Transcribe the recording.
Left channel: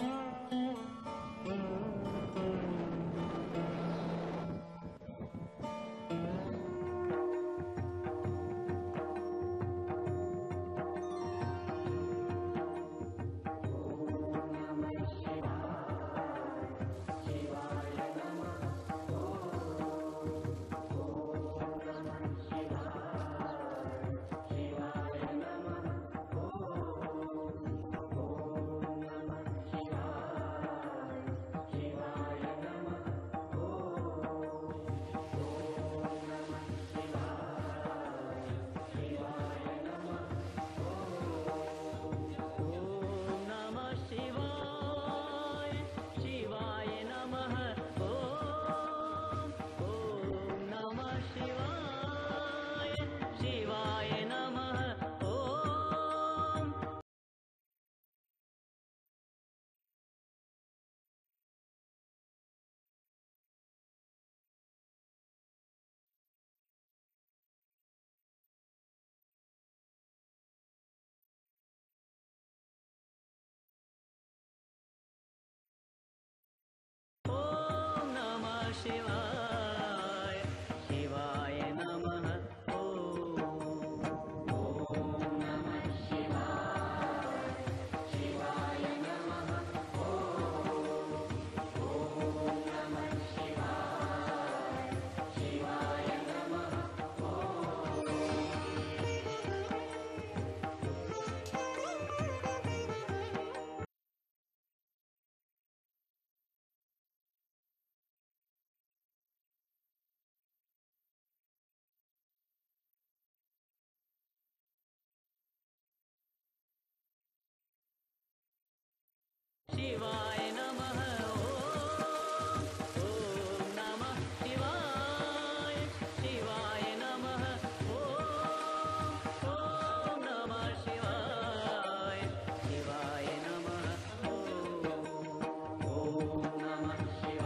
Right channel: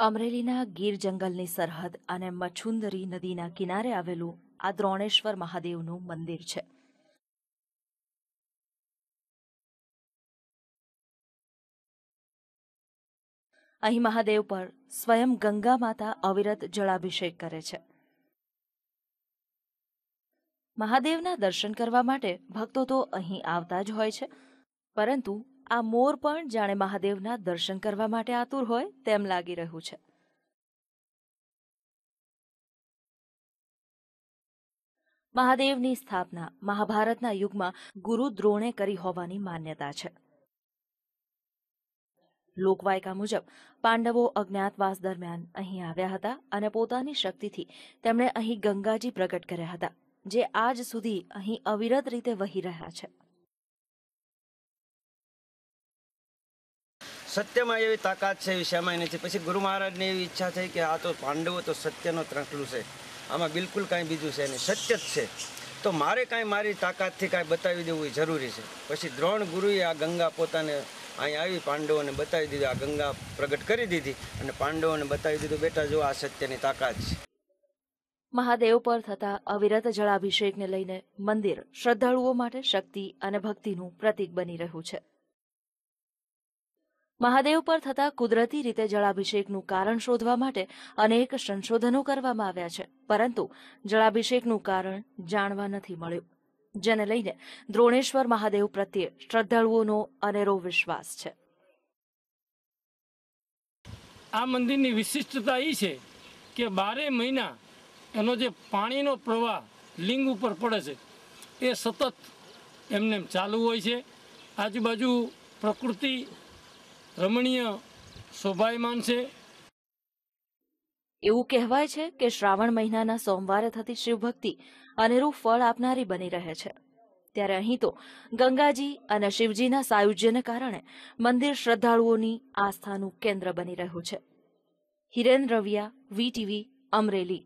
અમરેલીના ગીર જંગલની સરહદ અને મછુંદરી નદીના કિનારે આવેલું આ દ્રોણેશ્વર મહાદેવનું મંદિર છે. અહીં મહાદેવ પર સ્વયં ગંગા માતા અવિરત જળાભિષેક કરે છે. મહાદેવના દર્શન કરવા માટે ભક્તો તો અહીં આવતા જ હોય છે. પરંતુ આ મોર પણ જાણે મહાદેવના દર્શન કરવા માટે આતુર હોય તેમ લાગી રહ્યું છે. મહાદેવની સ્થાપના મહાભારતના યુગમાં ગુરુ દ્રોણે કરી હોવાની માન્યતા છે. લોકવાયકા મુજબ પાંડવો અજ્ઞાતવાસ દરમિયાન અહીં આવ્યા હતા અને પોતાની શક્તિથી તેમણે અહીં ગંગાજી પ્રગટ કર્યા હતા, જે આજ સુધી અહીં અવિરત રીતે વહી રહ્યા છે. સત્યમાં એવી તાકાત છે એવી શ્યામાઈ નથી. પછી ગુરુ મહારાજની એવી ઈચ્છા થઈ કે આ તો પાંડવો તો સત્યનો ત્રંકલું છે. આમાં બિલકુલ કાંઈ બીજું છે નહીં. સત્ય જ છે. તો મારે કાંઈ મારી તાકાતથી કાંઈ બતાવી દેવું એ જરૂરી છે. પછી દ્રોણ ગુરુએ આ ગંગા પોતાને અહીં આવી પાંડવોને બતાવી દીધું. આ ગંગા પ્રગટ કરી દીધી અને પાંડવોને બતાવી દીધું, બેટા, જો આ સત્યની તાકાત છે. મહાદેવ પર થતા અવિરત જળાભિષેકને લઈને મંદિર શ્રદ્ધાળુઓ માટે શક્તિ અને ભક્તિનું પ્રતીક બની રહ્યું છે. મહાદેવ પર થતા કુદરતી રીતે જળાભિષેકનું કારણ શોધવા માટે અનેક સંશોધનો કરવામાં આવ્યા છે. પરંતુ જળાભિષેકનું કારણ જાણવા નથી મળ્યું, જેને લઈને દ્રોણેશ્વર મહાદેવ પ્રત્યે શ્રદ્ધાળુઓનો અનેરો વિશ્વાસ છે. આ મંદિરની વિશિષ્ટતા એ છે કે બારે મહિના એનો જે પાણીનો પ્રવાહ લિંગ ઉપર પડે છે, એ સતત એમને ચાલુ હોય છે. આજુબાજુ પ્રકૃતિ રમણીય શોભાયમાન છે. એવું કહેવાય છે કે શ્રાવણ મહિનાના સોમવારે થતી શિવભક્તિ અનેરૂપ ફળ આપનારી બની રહે છે. ત્યારે અહીં તો ગંગાજી અને શિવજીના સાયુજ્યને કારણે મંદિર શ્રદ્ધાળુઓની આસ્થાનું કેન્દ્ર બની રહ્યું છે. હિરેન રવિયા વીટીવી અમરેલી.